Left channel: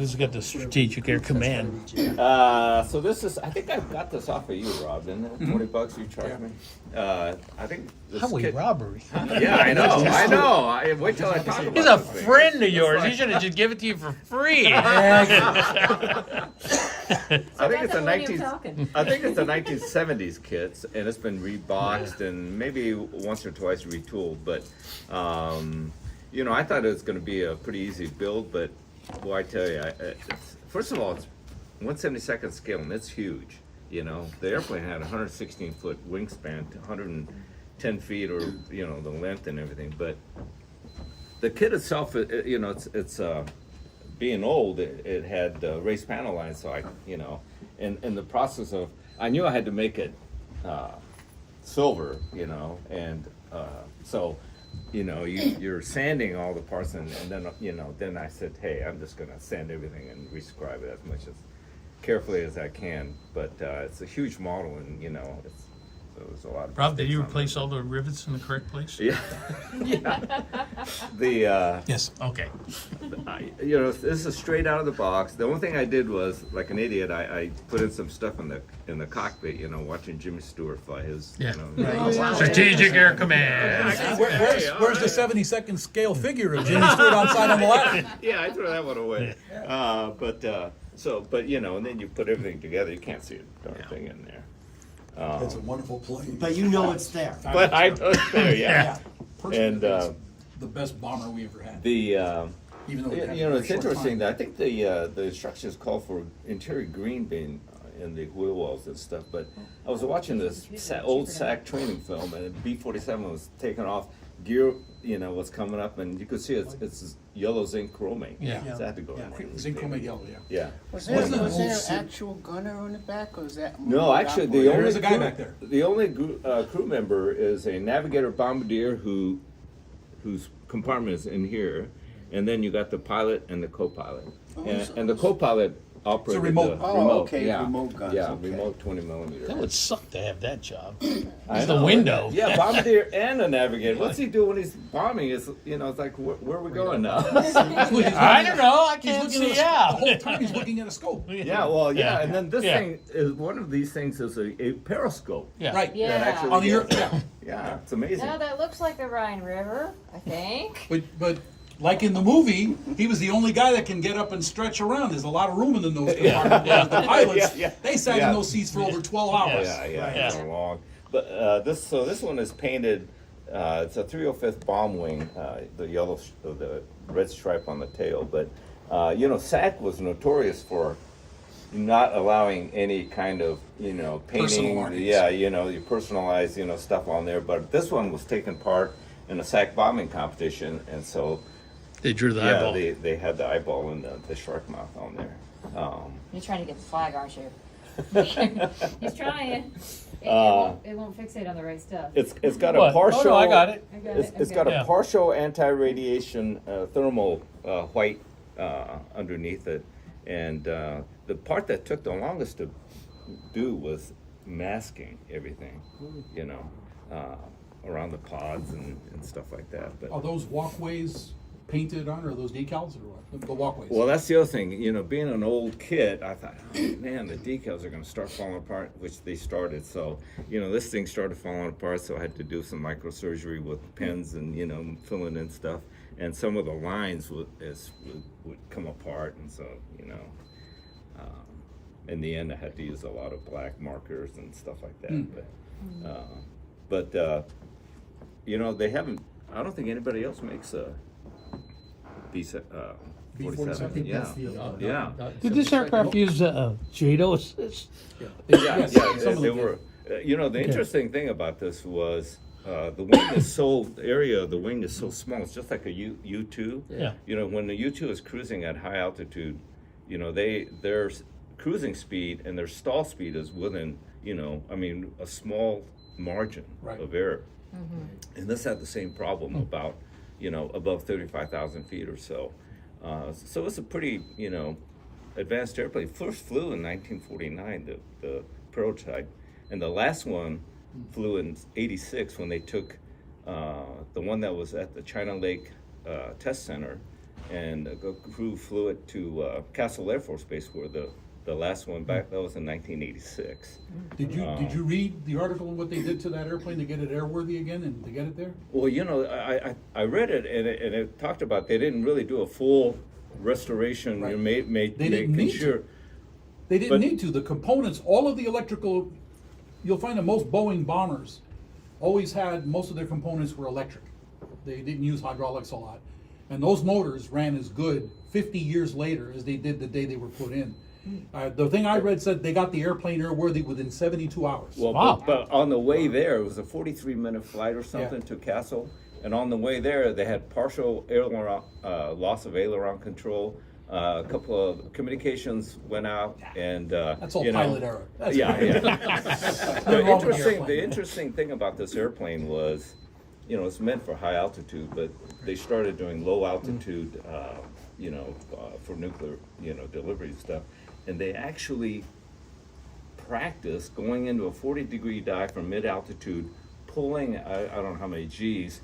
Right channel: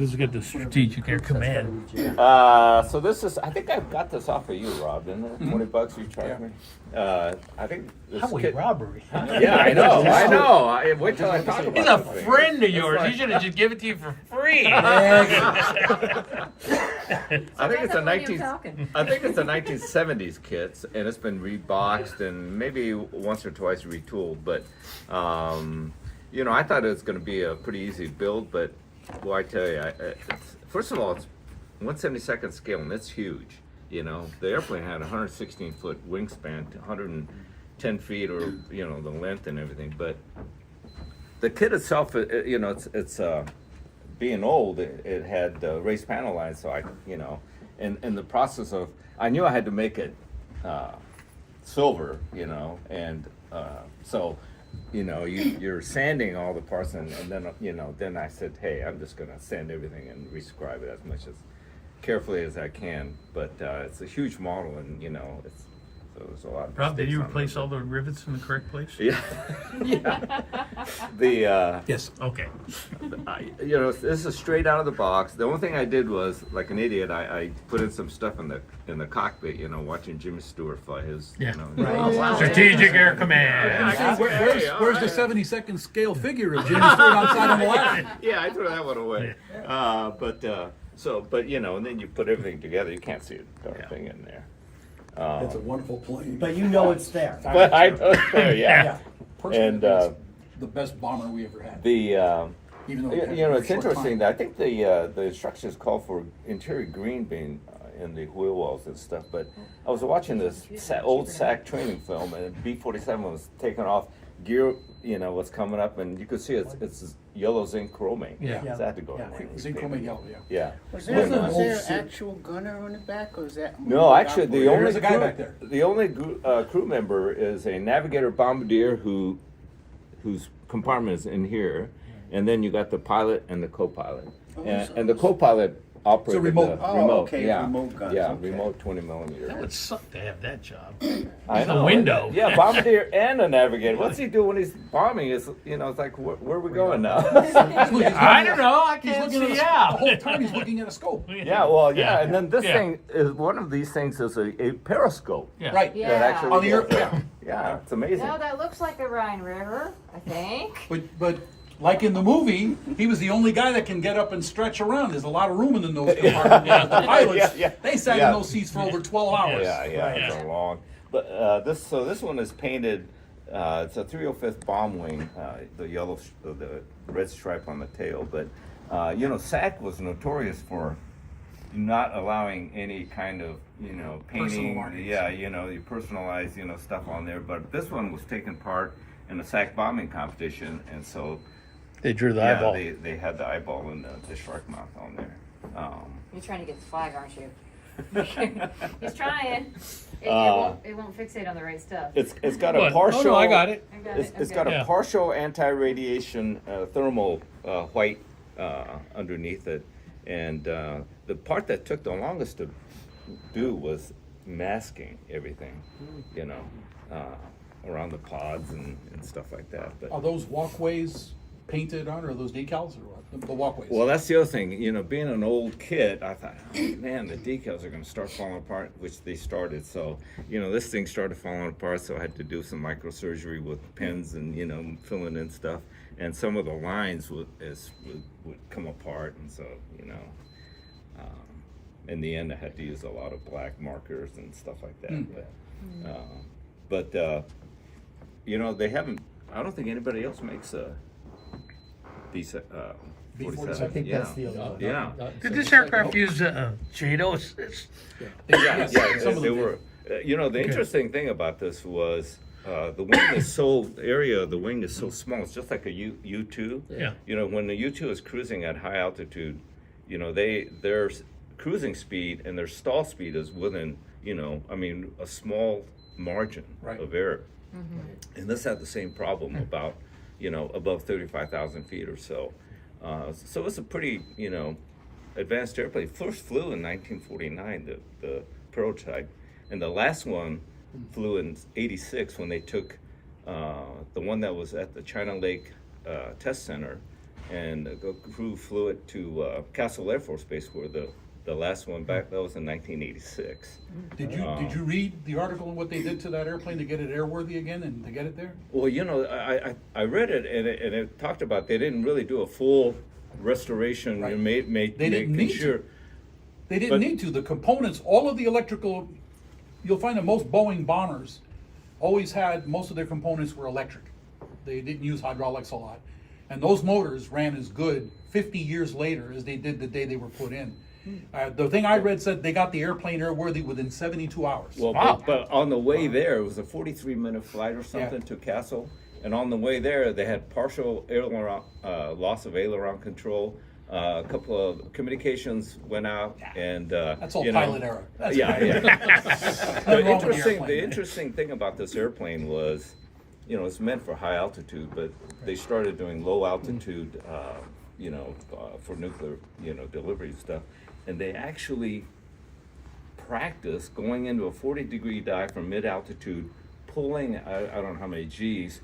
Who's got the Strategic Air Command? So this is, I think I got this off of you, Rob, didn't it? $20 you charged me? I think this Highway kid, robbery. yeah, I know. Wait till I talk about He's a this. friend of yours. He should have just given it to you for free. I think it's a That's the 19. one you're talking. I think it's a 1970s kit, and it's been reboxed and maybe once or twice retooled. But you know, I thought it was going to be a pretty easy build, but boy, I tell you, first of all, it's 1/72nd scale, and it's huge. You know, the airplane had 116-foot wingspan, 110 feet, or you know, the length and everything. But the kit itself, you know, it's being old. It had raised panel lines, so I, you know, in the process of, I knew I had to make it silver, you know, and so, you know, you're sanding all the parts, and then, you know, then I said, hey, I'm just gonna sand everything and rescribe it as much as carefully as I can. But it's a huge model, and you know, so there's a lot of Rob, did you mistakes on replace all the rivets in the correct place? it. Yeah. The Yes. Okay. you know, this is straight out of the box. The only thing I did was, like an idiot, I put in some stuff in the cockpit. You know, watching Jimmy Stewart fly his. Yeah. You know, Oh, wow. Strategic Air Command. Where's the 72nd scale figure of Jimmy Stewart outside on the left? Yeah, I threw that one away. But you know, and then you put everything together. You can't see a darn thing in there. It's a wonderful plane. But you know it's there. But I don't care. Yeah. Personally, And, it's the best bomber we ever had. The Even though we had you know, a it's short interesting. time. I think the instructions call for interior green being in the wheel wells and stuff. But I was watching this old SAC training film, and B-47 was taking off. Gear, you know, was coming up, and you could see it's yellow zinc chromate. Yeah. So I had to go. Yeah. Zinc chromate yellow, yeah. Yeah. Was Wasn't there, it was an there old an actual gunner on the back, or was that? No, actually, the There only is a guy back there. The only crew member is a navigator bombardier whose compartment is in here, and then you got the pilot and the co-pilot, and the co-pilot operated remote. the Oh, okay, yeah, remote guns, yeah, okay. remote 20 millimeter. It would suck to have that job. I He's the know. window. Yeah, bombardier and a navigator. What's he do when he's bombing? Is, you know, it's like where are we going now? I don't know. I He's can't looking see at the out. whole time he's looking at a scope. Yeah, well, yeah, and then this Yeah. thing is one of these things is a periscope. Yeah. Right. Yeah. That actually On the gets- earth. yeah, it's amazing. No, that looks like the Rhine River, I think. But like in the movie, he was the only guy that can get up and stretch around. There's a lot of room in the nose compartment. Whereas the pilots, Yeah. they sat Yeah. in those seats for over 12 hours. Yeah, Right. it's a long. But this one is painted. It's a 305th bomb wing, the yellow, the red stripe on the tail. But you know, SAC was notorious for not allowing any kind of, you know, Personal painting. markings. Yeah, you know, you personalize, you know, stuff on there. But this one was taking part in a SAC bombing competition, and so They drew the yeah, eyeball. they had the eyeball and the shark mouth on there. You're trying to get the flag, aren't you? He's trying. It won't fixate on the right stuff. It's got What? a partial. Oh, no, I got it. I got It's it. got a Yeah. partial anti-radiation thermal white underneath it, and the part that took the longest to do was masking everything, you know, around the pods and stuff like that. But Are those walkways painted on, or are those decals, or what? The walkways. well, that's the other thing. You know, being an old kid, I thought, man, the decals are going to start falling apart, which they started. So, you know, this thing started falling apart, so I had to do some microsurgery with pens and, you know, filling in stuff. And some of the lines would come apart, and so, you know, in the end, I had to use a lot of black markers and stuff like that. But you know, they haven't. I don't think anybody else makes a B-47. B-47. I think Yeah. that's the other one. Yeah. Did this aircraft use JADO assist? Yeah, Yes, yeah, some of they them were. You know, the interesting thing about this was the wing is so, the area of the wing is so small. It's just like a U2. Yeah. You know, when the U2 is cruising at high altitude, you know, their cruising speed and their stall speed is within, you know, I mean, a small margin Right. of error. And this had the same problem about, you know, above 35,000 feet or so. So it's a pretty, you know, advanced airplane. First flew in 1949, the prototype, and the last one flew in '86 when they took the one that was at the China Lake Test Center and the crew flew it to Castle Air Force Base, where the last one back, that was in 1986. Did you read the article on what they did to that airplane to get it airworthy again and to get it there? Well, you know, I read it, and it talked about they didn't really do a full restoration. Right. Making need sure. to. They didn't need to. The components, all of the electrical, you'll find that most Boeing bombers always had, most of their components were electric. They didn't use hydraulics a lot. And those motors ran as good 50 years later as they did the day they were put in. The thing I read said they got the airplane airworthy within 72 hours. Well, Wow. but on the way there, it was a 43-minute flight or something Yeah. to Castle. And on the way there, they had partial aileron, loss of aileron control. A couple of communications went out, and That's all you know, pilot error. That's yeah. Nothing wrong with the The airplane. interesting thing about this airplane was, you know, it's meant for high altitude, but they started doing low altitude, for nuclear, delivery and stuff, and they actually practiced going into a 40-degree dive from mid altitude, pulling I don't know how many G's,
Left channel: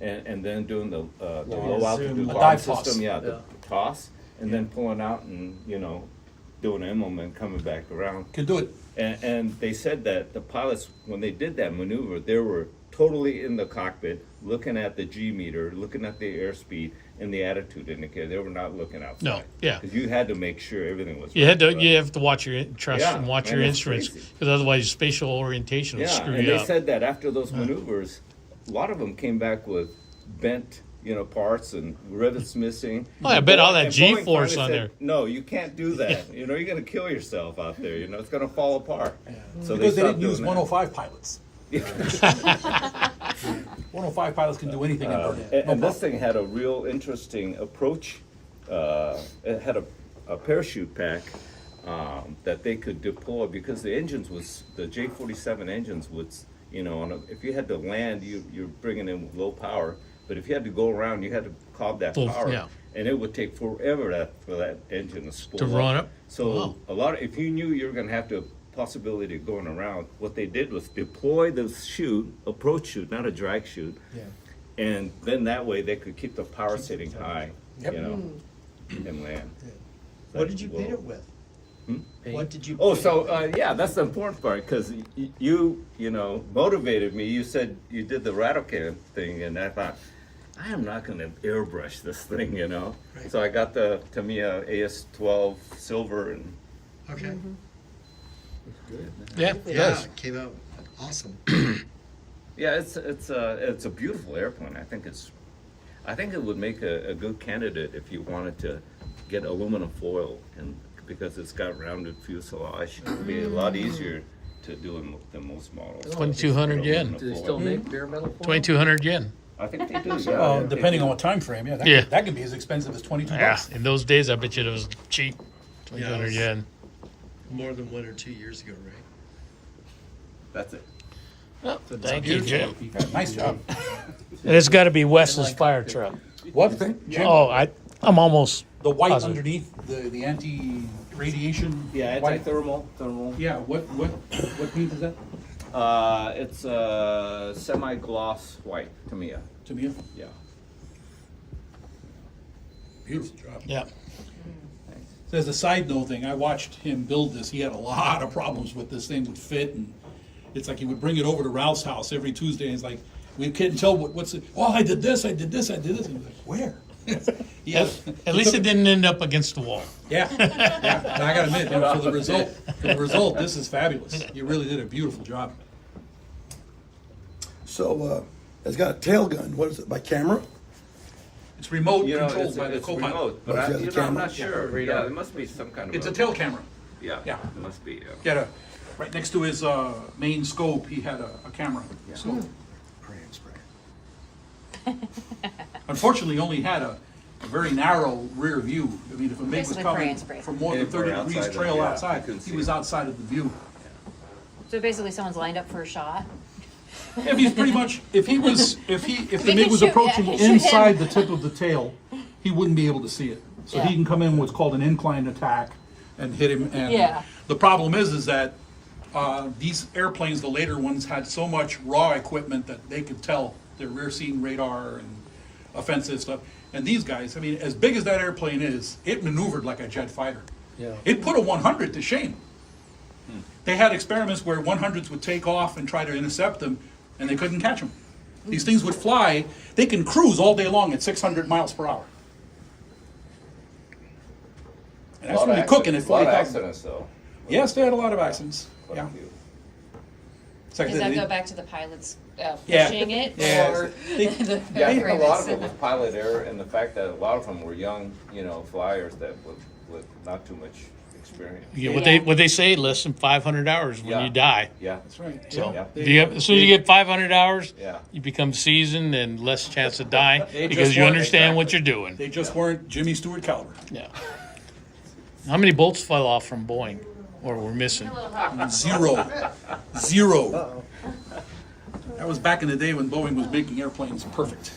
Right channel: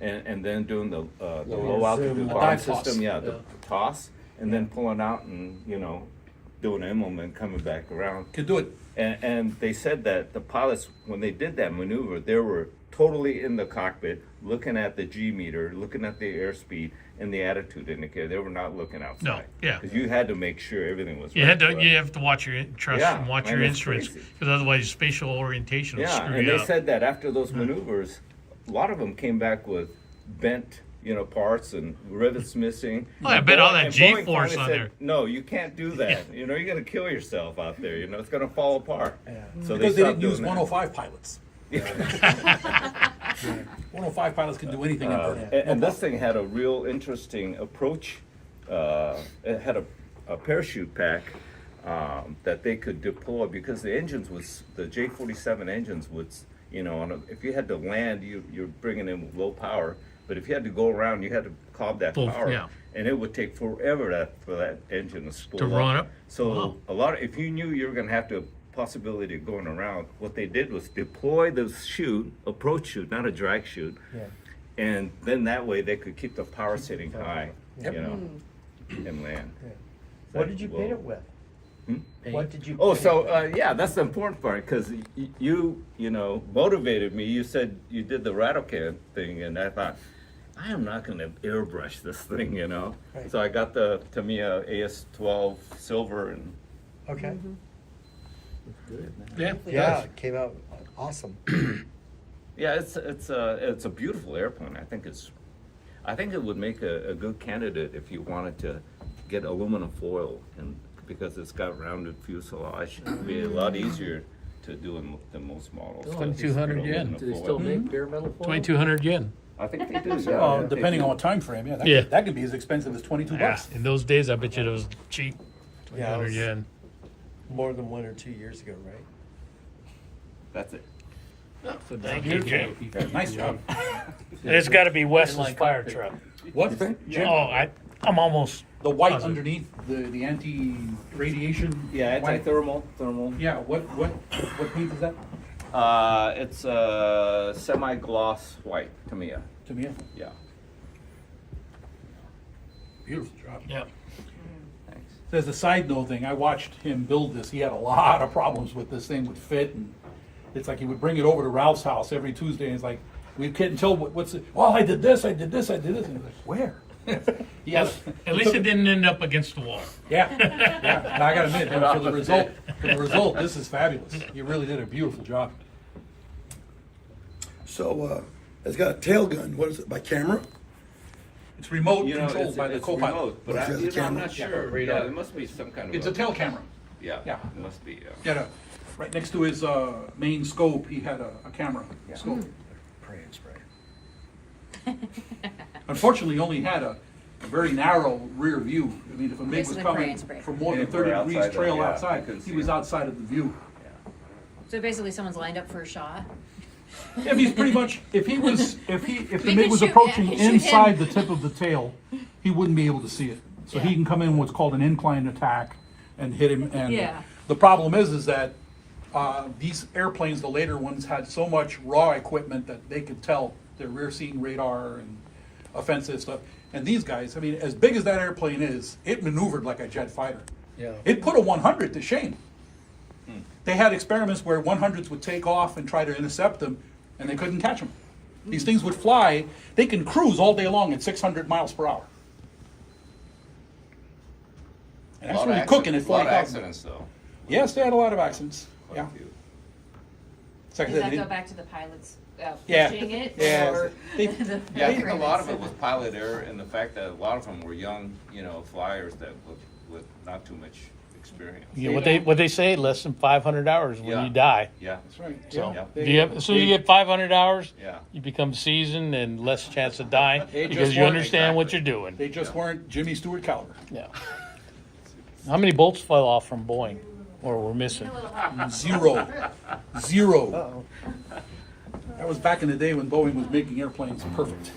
and then doing the low altitude The bomb dive toss. system, the toss, and then pulling out and doing an emblem and coming back around. Can do it. And they said that the pilots, when they did that maneuver, they were totally in the cockpit, looking at the G meter, looking at the airspeed and the attitude indicator. They were not looking outside. No, yeah. Because you had to make sure everything was. You had right. to. You have to watch your trust Yeah, and watch man, your it's instruments, crazy. because otherwise spatial orientation will Yeah, screw and you they up. said that after those maneuvers, a lot of them came back with bent, parts and rivets missing. Oh, I bet all that And Boeing G-force finally on said, there. no, you can't do that. You're gonna kill yourself out there. It's gonna fall apart. So Because they stopped didn't use doing that. 105 pilots. 105 pilots can do anything in burn. And this thing had a real interesting approach. It had a parachute pack that they could deploy, because the J-47 engines would, if you had to land, you're bringing in low power, but if you had to go around, you had to cob that Full- power, yeah. and it would take forever for that engine to spool To run up? So Wow. if you knew you were going to have the possibility of going around, what they did was deploy the approach chute, not a drag chute, and then that way they could keep the power setting high, and land. What did you paint it with? What did you? Oh, so that's the important part, because you motivated me. You said you did the Ratocan thing, and I thought, I am not going to airbrush this thing, So I got the Tamiya AS-12 silver, and Okay. Yeah, it Yeah, does. it came out awesome. yeah, it's a beautiful airplane. I think it would make a good candidate if you wanted to get aluminum foil, and because it's got rounded fuselage, it would be a lot easier to do than most models. 2,200 yen. Do they still make bare metal foil? 2,200 yen. I think they do. Yeah, Depending on what time frame, Yeah. that could be as expensive as $22. Yeah, in those days, I bet you it was cheap. 2,200 was- yen. More than 1 or 2 years ago, right? That's it. Thank you, Jim. Nice job. And it's got to be Wes's fire truck. What? Jim? Oh, I'm almost. The whites Positive. underneath, the anti-radiation. Yeah, white. thermal. Yeah, what paint is that? It's a semi-gloss white Tamiya. To me, Yeah. beautiful job. Yeah. Thanks. So as a side note thing, I watched him build this. He had a lot of problems with this thing would fit, and it's like he would bring it over to Ralph's house every Tuesday, and it's like we couldn't tell what's it. Well, I did this, and I'm like, where? He has, At least it didn't end up against the wall. Yeah. And I gotta admit, for the result, this is fabulous. You really did a beautiful job. So it's got a tail gun. What is it, by camera? It's remote You know, controlled it's, by the it's co-pilot. remote, but But I'm you have the camera? not sure. Yeah, it must be some kind of. It's a tail camera. Yeah. Yeah. It must be. Yeah, right next to his main scope, he had a camera scope. Unfortunately, he only had a very narrow rear view. I mean, if a MiG was Basically coming pray and spray. from more than Yeah, 30 we're degrees outside trail of- yeah, outside, you couldn't he see was it. outside of the view. So basically, someone's lined up for a shot. Yeah, he's pretty much, if the They MiG can was shoot- approaching yeah, shoot him. inside the tip of the tail, he wouldn't be able to see it. So he Yeah. can come in what's called an inclined attack and hit him. And Yeah. the problem is that these airplanes, the later ones, had so much raw equipment that they could tell their rear seeing radar and offensive stuff. And these guys, I mean, as big as that airplane is, it maneuvered like a jet fighter. Yeah. It put a 100 to shame. They had experiments where 100s would take off and try to intercept them, and they couldn't catch them. These things would fly. They can cruise all day long at 600 miles per hour. And that's when you're cooking at A lot of 40,000. accidents, though. Yes, they had a lot of accidents. Quite Yeah. a few. It's like Does that they- go back to the pilots Yeah. pushing it, Yeah. or They- the Yeah, I think a lot of airframes? it was pilot error and the fact that a lot of them were young, flyers that with not too much experience. You know, what Yeah. they say, less than 500 hours when Yeah. you die. Yeah. That's right. So Yeah. if you have, as soon as you get 500 hours, Yeah. you become seasoned and less chance of dying They because just you want- understand what you're doing. They just weren't Jimmy Stewart caliber. Yeah. How many bolts fell off from Boeing, or were missing? Zero. Zero. That was back in the day when Boeing was making airplanes perfect.